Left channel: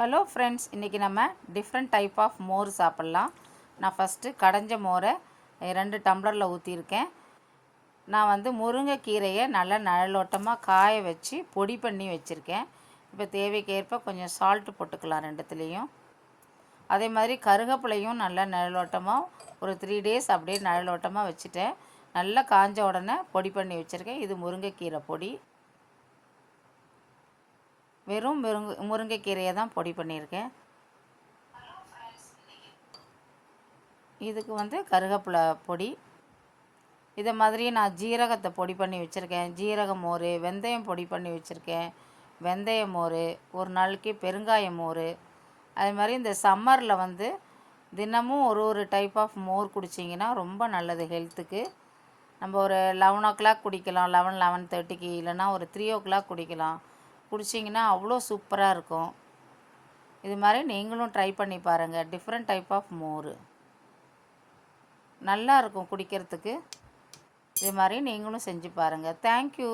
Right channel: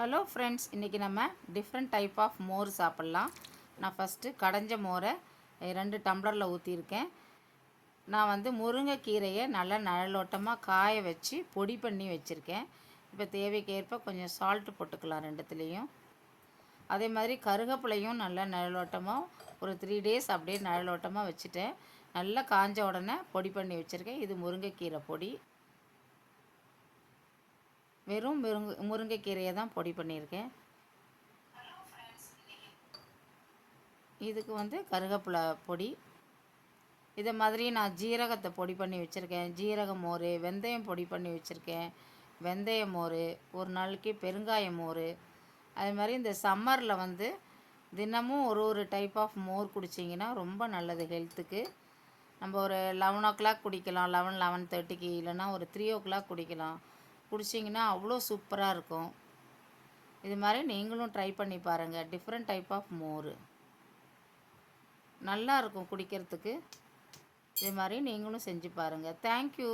Hello friends, இன்றைக்கி நம்ம different type of மோர் சாப்பிட்லாம். நான் ஃபஸ்ட்டு கடைஞ்ச மோரை 2 டம்ளரில் ஊற்றிருக்கேன். நான் வந்து முருங்கைக்கீரையை நல்லா நிழலோட்டமாக காய வச்சு பொடி பண்ணி வச்சுருக்கேன். இப்போ தேவைக்கேற்ப கொஞ்சம் சால்ட்டு போட்டுக்கலாம் ரெண்டுத்துலேயும். அதே மாதிரி கருகப்பிலையும் நல்லா நிழலோட்டமாக ஒரு 3 டேஸ் அப்படியே நிழலோட்டமாக வச்சுட்டேன். நல்லா காஞ்ச உடனே பொடி பண்ணி வச்சுருக்கேன். இது முருங்கைக்கீரை பொடி. வெறும் முருங்கைக்கீரையை தான் பொடி பண்ணியிருக்கேன். இதுக்கு வந்து கருவேப்பிலை பொடி. இதை மாதிரி நான் ஜீரகத்தை பொடி பண்ணி வச்சுருக்கேன். ஜீரக மோர், வெந்தயம் பொடி பண்ணி வச்சுருக்கேன். வெந்தய மோர், ஒரு நாளைக்கு பெருங்காய மோர். அது மாதிரி இந்த சம்மரில் வந்து தினமும் ஒரு டைப் ஆஃப் மோர் குடிச்சிங்கன்னா ரொம்ப நல்லது ஹெல்த்துக்கு. நம்ம ஒரு 11 o'clock குடிக்கலாம், 11:30க்கு, இல்லைனா ஒரு 3 o'clock குடிக்கலாம். குடிச்சிங்கன்னா அவ்வளோ சூப்பராக இருக்கும். இது மாதிரி நீங்களும் ட்ரை பண்ணி பாருங்கள். டிஃப்ரெண்ட் டைப் ஆஃப் மோர் நல்லா இருக்கும் குடிக்கிறதுக்கு. இது மாதிரி நீங்களும் செஞ்சு பாருங்கள். தேங்க்யூ.